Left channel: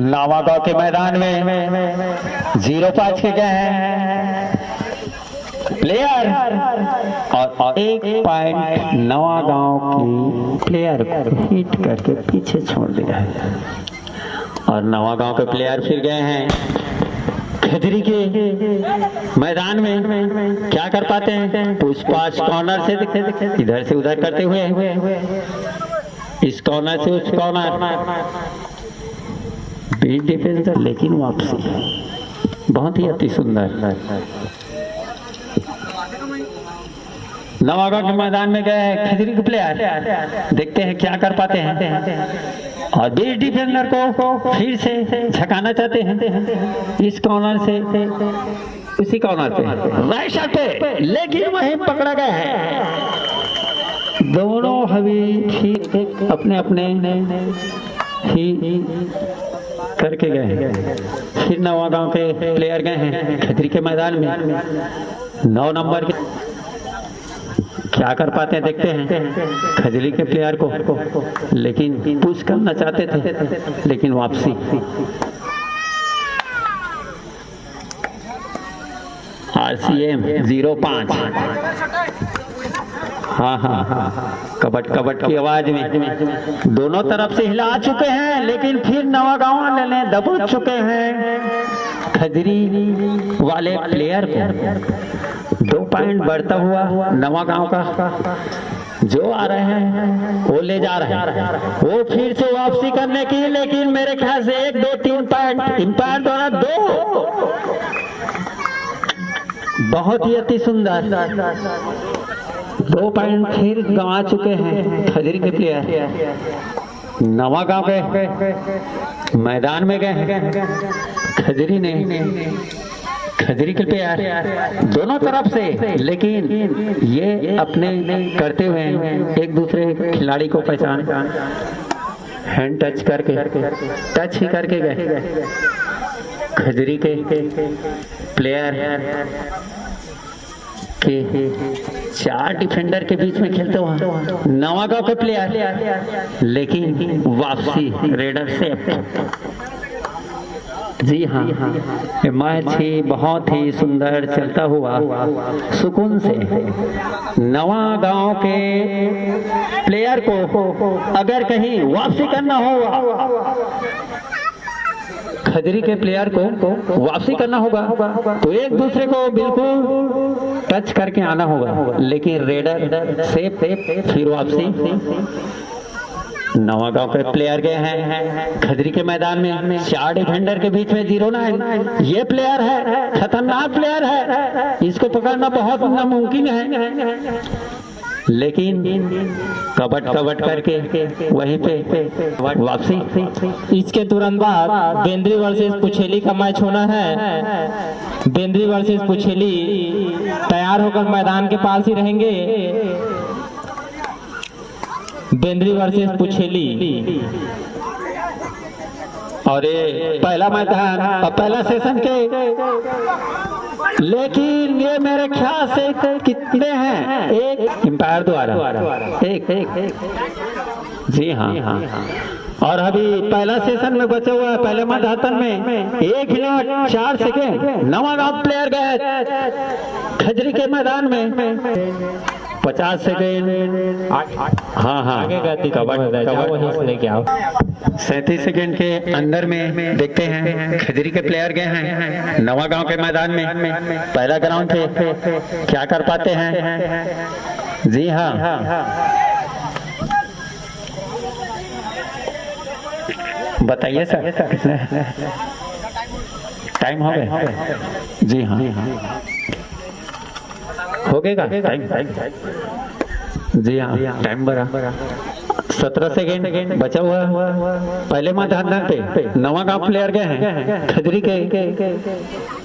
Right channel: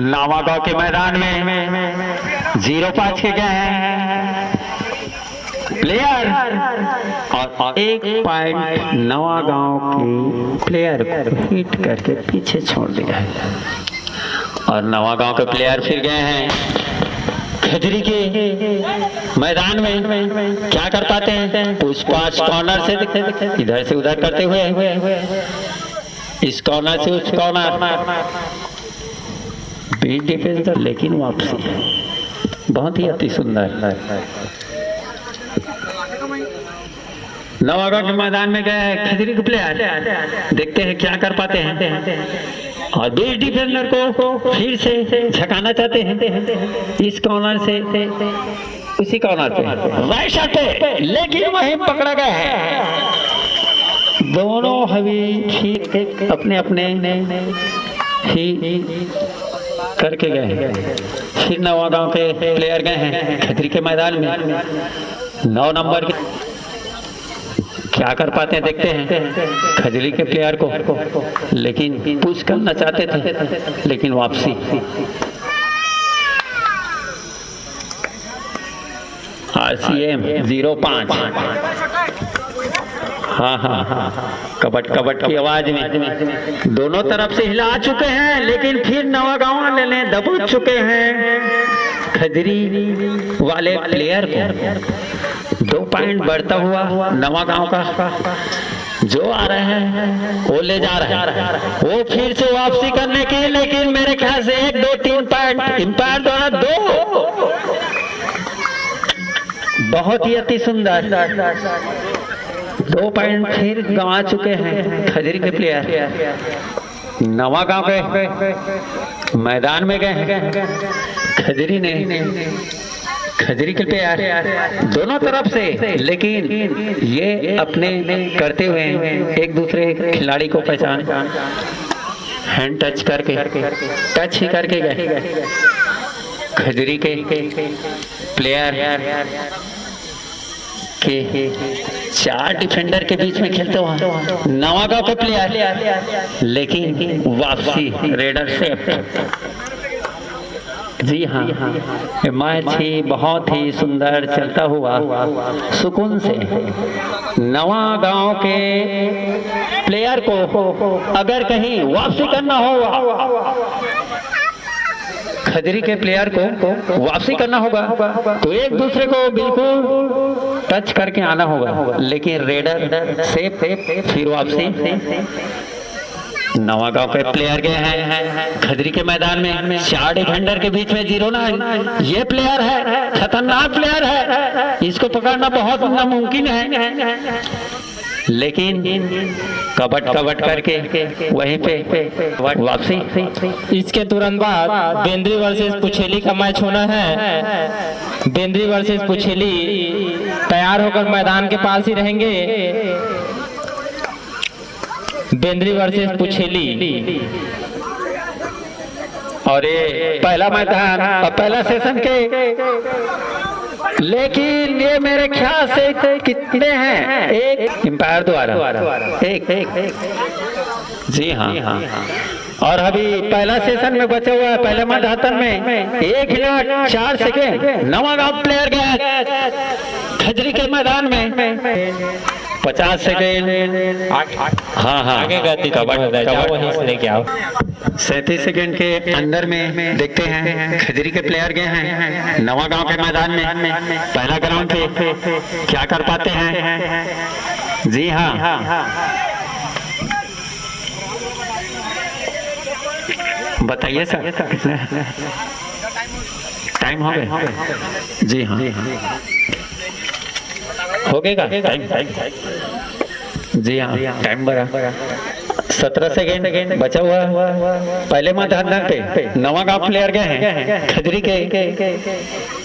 नवागांव के मैदान में 0-5 के गए हैं प्लेयर और 1 पॉइंट नवागांव के प्लेयर को हिट करके पीछे छोड़ दिया है। और नवागांव के प्लेयर फिर गए हैं खजरी के मैदान में। क्या कर पाते हैं? पुष्पास कॉर्नर से इधर से उधर करते हुए इस कॉर्नर से उस कॉर्नर, बीट डिफेंस लेकिन वापसी बहुत ही अति सुंदर। नवागांव के मैदान में गए हैं खजरी के प्लेयर, देखते हैं क्या कर पाते हैं। और बीट डिफेंडर को फिर से झकाना चाहते हैं इस कॉर्नर से उसी कॉर्नर पे राइट शॉट पे, लेकिन वहीं पकड़ा गया है। दोनों हवी ठीक अपने अपने ही करके गए हैं। फिर नवागांव के प्लेयर गए हैं खजरी के मैदान में 9 नंबर के। क्या कर पाते हैं देखते हैं खजरी के प्लेयर को, लेकिन पुश करना चाहते थे लेकिन वापसी। RCM 0-5। हाँ, कबट की आवाज में दोनों तरफ से हिला चुके हैं, लेकिन फिर नवागांव वाले दबोच चुके हैं खजरी वाले प्लेयर को। 2 पॉइंट बढ़ता हुआ नवागांव का जो आ रहे हैं वो ले जा रहे हैं, वो फिर से वापसी करने की, लेकिन मेरे ख्याल से 1, 2, 3 पॉइंट एम्पायर द्वारा 2 बहुत ही अति सुंदर 2 पॉइंट फिर गंवा चुके हैं खजरी के प्लेयर। नवागांव के मैदान में गए हैं खजरी ने खजरी के प्लेयर दोनों तरफ से, लेकिन ये अपने करते हुए एक दूसरे खिलाड़ी को पहचान हैंड टच करके टच ही करके गए खजरी के प्लेयर के 4 डिफेंडर के बीच में खेलते हो नवागांव के प्लेयर, लेकिन वापसी रेडर से। जी हाँ, मैच ही बहुत ही सुंदर चलता हुआ सुकून से नवागांव के प्लेयर को अगर कहीं वापसी करना होगा, खजरी के प्लेयर को वापसी करना होगा तो एक दूसरे को बिल्कुल टच करके आना होगा, लेकिन रेडर से फिर वापसी। नवागांव के प्लेयर गए हैं खजरी के मैदान में 4 डिफेंडर के बीच में 0-9। ये प्लेयर है खतरनाक प्लेयर है, इसको पकड़ना बहुत नामुमकिन है, लेकिन कबट करके वहीं पे वापसी। इसके तुरंत बाद बेंद्री वर्सेस पुछेली का मैच होना है। बेंद्री वर्सेस पुछेली तैयार होकर मैदान के पास ही रहेंगे। बेंद्री वर्सेस पुछेली, और ये पहला मैदान और पहला सेशन के, लेकिन ये मेरे ख्याल से कितने हैं? 1 एम्पायर द्वारा एक। जी हाँ, और अभी पहला सेशन में बचे हुआ पहले मैदान में 1 मिनट 4 सेकेंड नवागांव प्लेयर गया खजरी के मैदान में 50 सेकेंड। हाँ, आगे गति लेके आओ। 37 सेकेंड के अंदर में देखते हैं खजरी के प्लेयर गए हैं नवागांव के मैदान में पहला ग्राउंड पे। क्या कर पाते हैं? जी हाँ, बताइए सर कितने टाइम हो गए? जी हाँ, हो गएगा जी हाँ, टाइम बड़ा 17 सेकेंड बचा हुआ पहले मैदान पे। नवागांव प्लेयर गए हैं खजरी के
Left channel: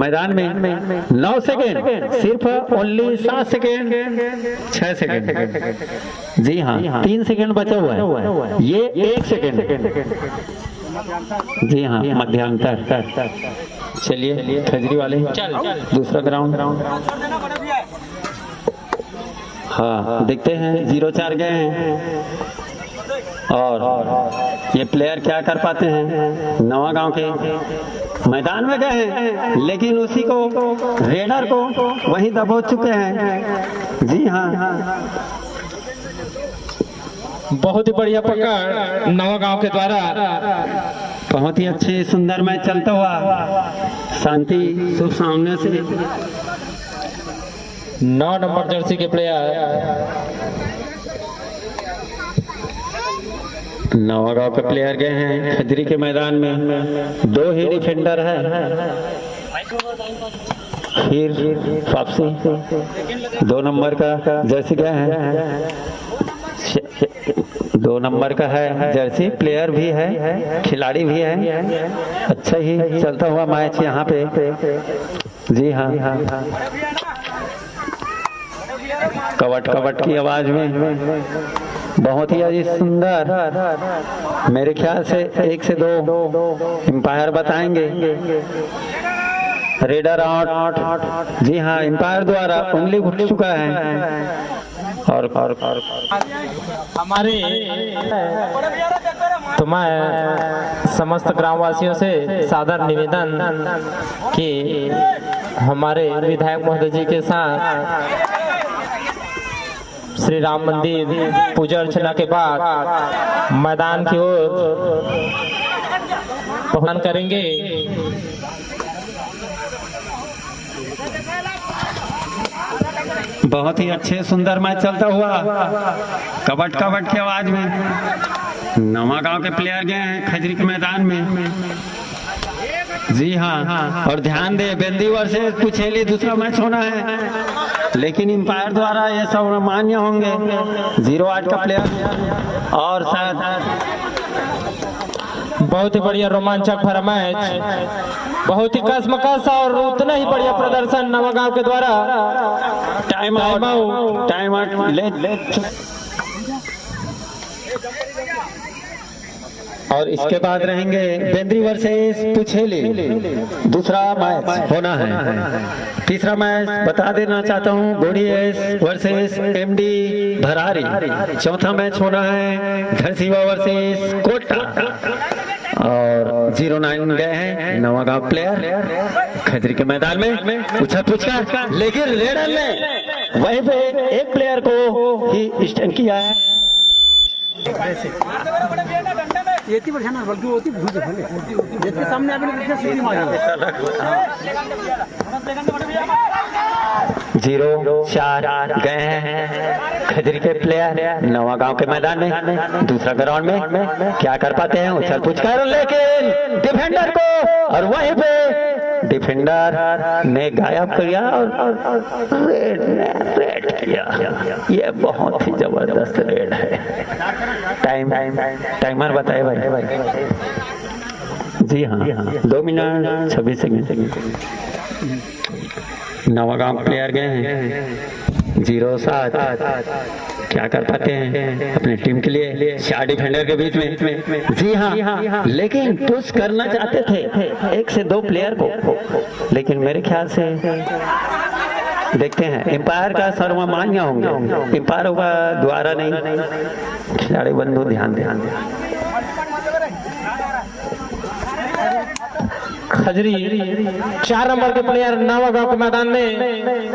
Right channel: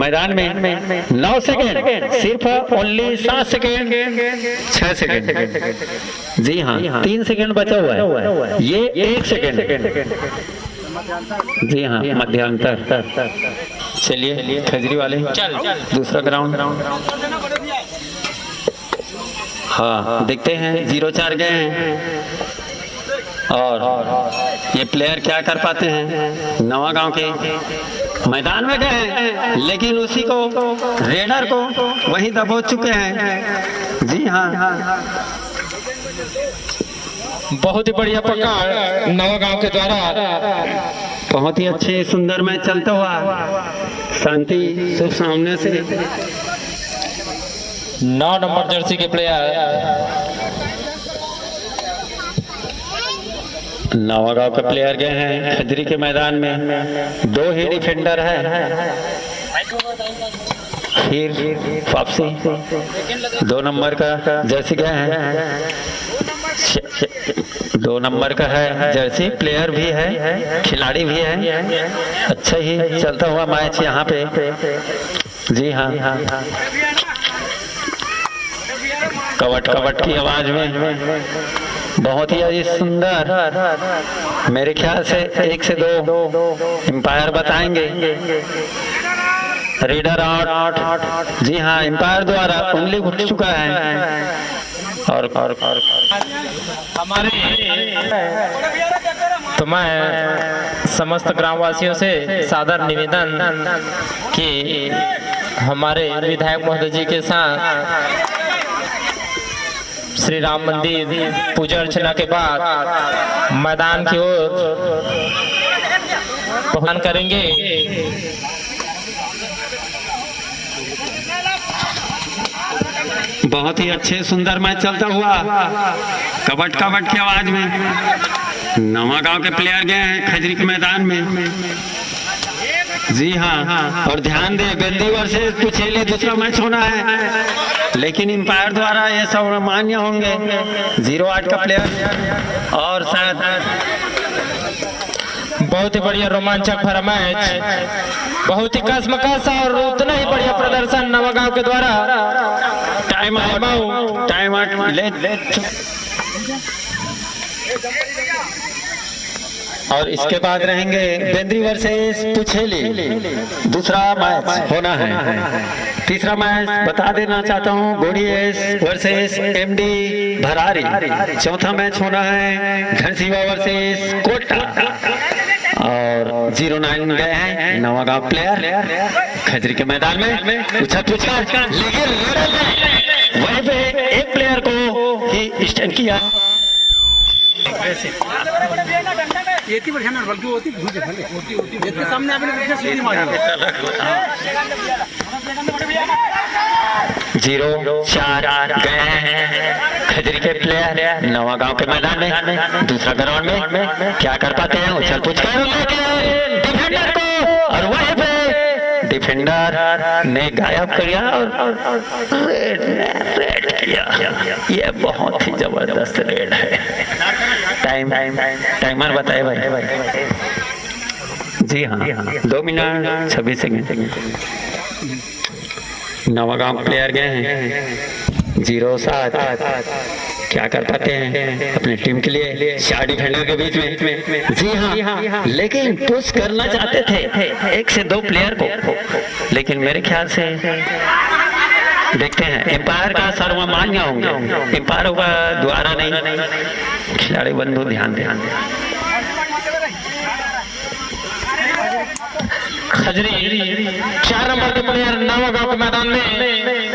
मैदान में 9 सेकेंड, सिर्फ ओनली 7 सेकेंड 6 सेकेंड। जी हाँ, 3 सेकेंड बचा हुआ है, ये 1 सेकेंड। जी हाँ, मध्यांतर। चलिए खजरी वाले दूसरा ग्राउंड। हाँ, देखते हैं 0-4 गए हैं और ये प्लेयर क्या कर पाते हैं, नवागांव के मैदान में गए हैं लेकिन उसी को रेडर को वही दबोच चुके हैं। जी हाँ, बहुत ही बढ़िया पकड़ नवागांव के द्वारा। बहुत ही अच्छे सुंदर मैच चलता हुआ शांति शुभ सामने से 9 नंबर जर्सी के प्लेयर नवागांव के प्लेयर गए हैं खजरी के मैदान में। 2 ही डिफेंडर है, फिर वापसी 2 नंबर का जर्सी गए हैं। 2 नंबर का है जर्सी, प्लेयर भी है खिलाड़ी भी है। अच्छा ही चलता हुआ मैच यहाँ पे। जी हाँ, कवट कवट की आवाज में बहुत ही सुंदर, मेरे ख्याल से 1 से 2 एम्पायर बताएंगे। Raider out. जी हाँ, एम्पायर द्वारा उंगली उठ चुका है। और हमारे तो मैं समस्त ग्रामवासियों से सादर निवेदन कि हमारे विधायक महोदय जी के साथ श्री राम मंदिर पूजा अर्चना के बाद मैदान की ओर पहुंच करेंगे। बहुत ही अच्छे सुंदर मैच चलता हुआ कबट कबट की आवाज में नवागांव के प्लेयर गए हैं खजरी के मैदान में। जी हाँ, और ध्यान दे बेंदी वर्सेस पुछेली दूसरा मैच होना है लेकिन एम्पायर द्वारा ये सब मान्य होंगे। 08 का प्लेयर और शायद बहुत ही बढ़िया रोमांचक भरा मैच, बहुत ही कसमकस और उतना ही बढ़िया प्रदर्शन नवागांव के द्वारा। टाइम आउट ले। और इसके बाद रहेंगे बेंद्री वर्सेस पुछेली, दूसरा मैच होना है। तीसरा मैच बता देना चाहता हूँ, गोड़ीएस वर्सेस एमडी भरारी। चौथा मैच होना है धरसीवा वर्सेस कोटा। और 09 गए हैं नवागांव प्लेयर खजरी के मैदान में। उछल पूछा लेकिन रेडर ने वहीं पे एक प्लेयर को ही स्टैंड किया। जीरो 4 गए हैं खजरी के प्लेयर नवागांव के मैदान में। दूसरा ग्राउंड में क्या कर पाते हैं, उछल पूछ कर लेकिन डिफेंडर को, और वहीं पे डिफेंडर ने गायब किया और रेड किया। ये बहुत ही जबरदस्त रेड है। टाइमर बताए भाई। जी हाँ, 2 मिनट 26 सेकंड। नवागांव प्लेयर गए हैं 07 क्या कर पाते हैं अपनी टीम के लिए 4 डिफेंडर के बीच में। जी हाँ, लेकिन पुश करना चाहते थे 1 से 2 प्लेयर को, लेकिन मेरे ख्याल से देखते हैं एम्पायर का सर्वमान्य होंगे। एम्पायर का द्वारा नहीं, खिलाड़ी बंधु ध्यान दें। खजरी 4 नंबर के प्लेयर नवागांव के मैदान में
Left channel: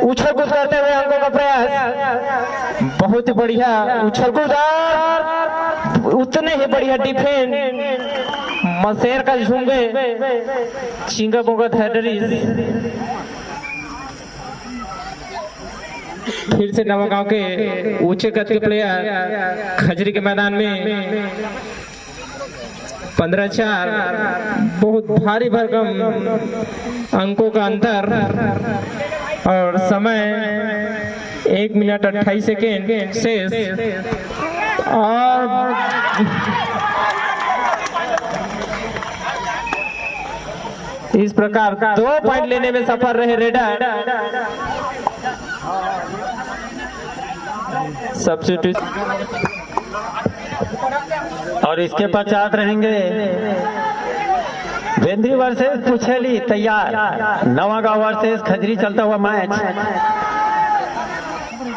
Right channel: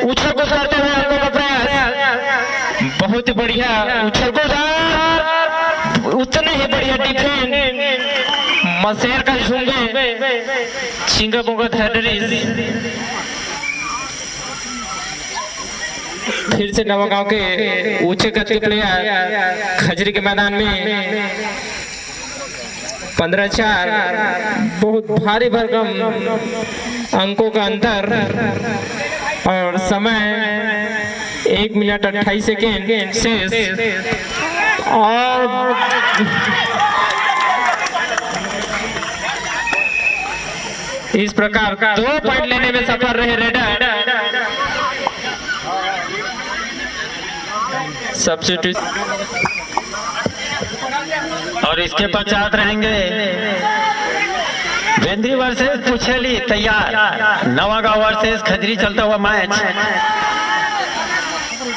उछल कूद करते हुए अंकों का प्रयास, बहुत ही बढ़िया उछल कूद, उतने ही बढ़िया डिफेंस। मसेर का झुंगे चिंगा बोंगा फिर से नवागांव के ऊंचे कद के प्लेयर खजरी के मैदान में 15-4, बहुत भारी भरकम अंकों का अंतर और समय 1 मिनट 28 सेकेंड शेष। और इस प्रकार 2 पॉइंट लेने में सफल रहे रेडर। सब्स्टिट्यूट और इसके पश्चात रहेंगे बेंद्री वर्सेस पुछेली तैयार। नवागांव वर्सेस खजरी चलता हुआ मैच।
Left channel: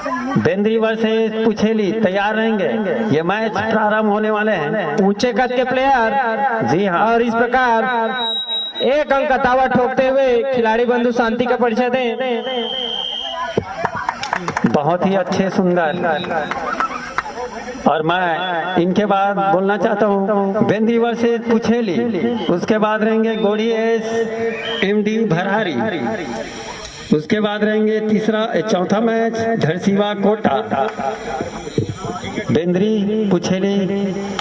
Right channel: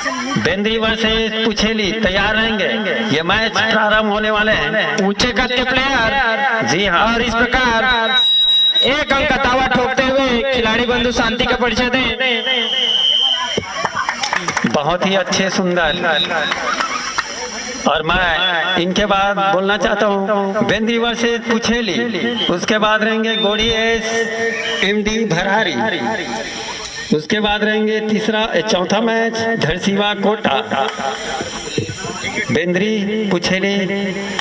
बेंद्री वर्सेस पुछेली तैयार रहेंगे। ये मैच प्रारंभ होने वाले हैं। ऊंचे कद के प्लेयर जी हाँ। और इस प्रकार एक अंक का दावा ठोकते हुए खिलाड़ी बंधु शांति का परिचय दें। बहुत ही अच्छे सुंदर। और मैं इनके बाद बोलना चाहता हूँ बेंद्री वर्सेस पुछेली, उसके बाद रहेंगे गोड़ी एस एमडी भरारी, उसके बाद रहेंगे चौथा मैच धरसीवा कोटा। बेंद्री पुछेली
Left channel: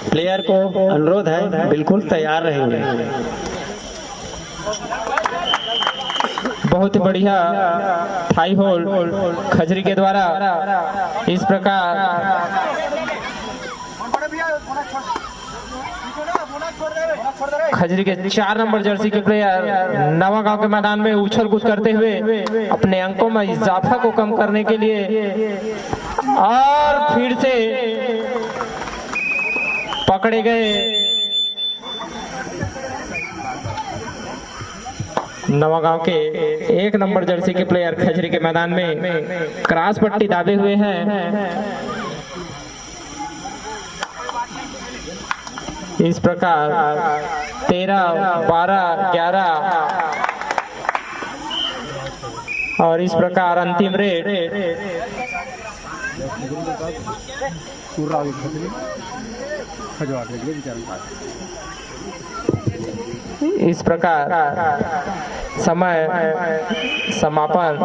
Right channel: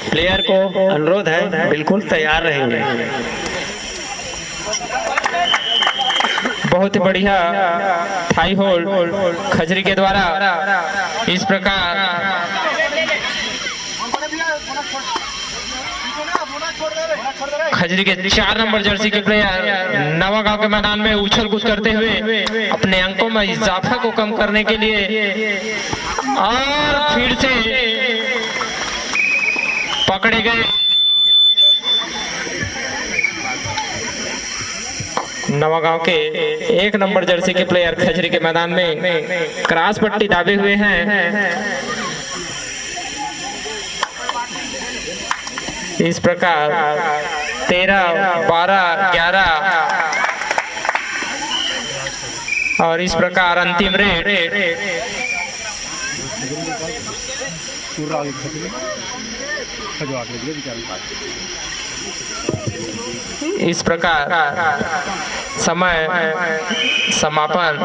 प्लेयर को अनुरोध है बिल्कुल तैयार रहेंगे। बहुत ही बढ़िया थाई होल्ड खजरी के द्वारा इस प्रकार खजरी के 4 नंबर जर्सी के प्लेयर नवागांव के मैदान में उछल कूद करते हुए अपने अंकों में इजाफा को कम करने के लिए और फिर से पकड़े गए। नवागांव के 1 नंबर जर्सी के प्लेयर खजरी के मैदान में क्रॉस पट्टी दाबे हुए हैं। इस प्रकार 13, 12, 11 और इस प्रकार अंतिम रेट इस प्रकार समय समापन।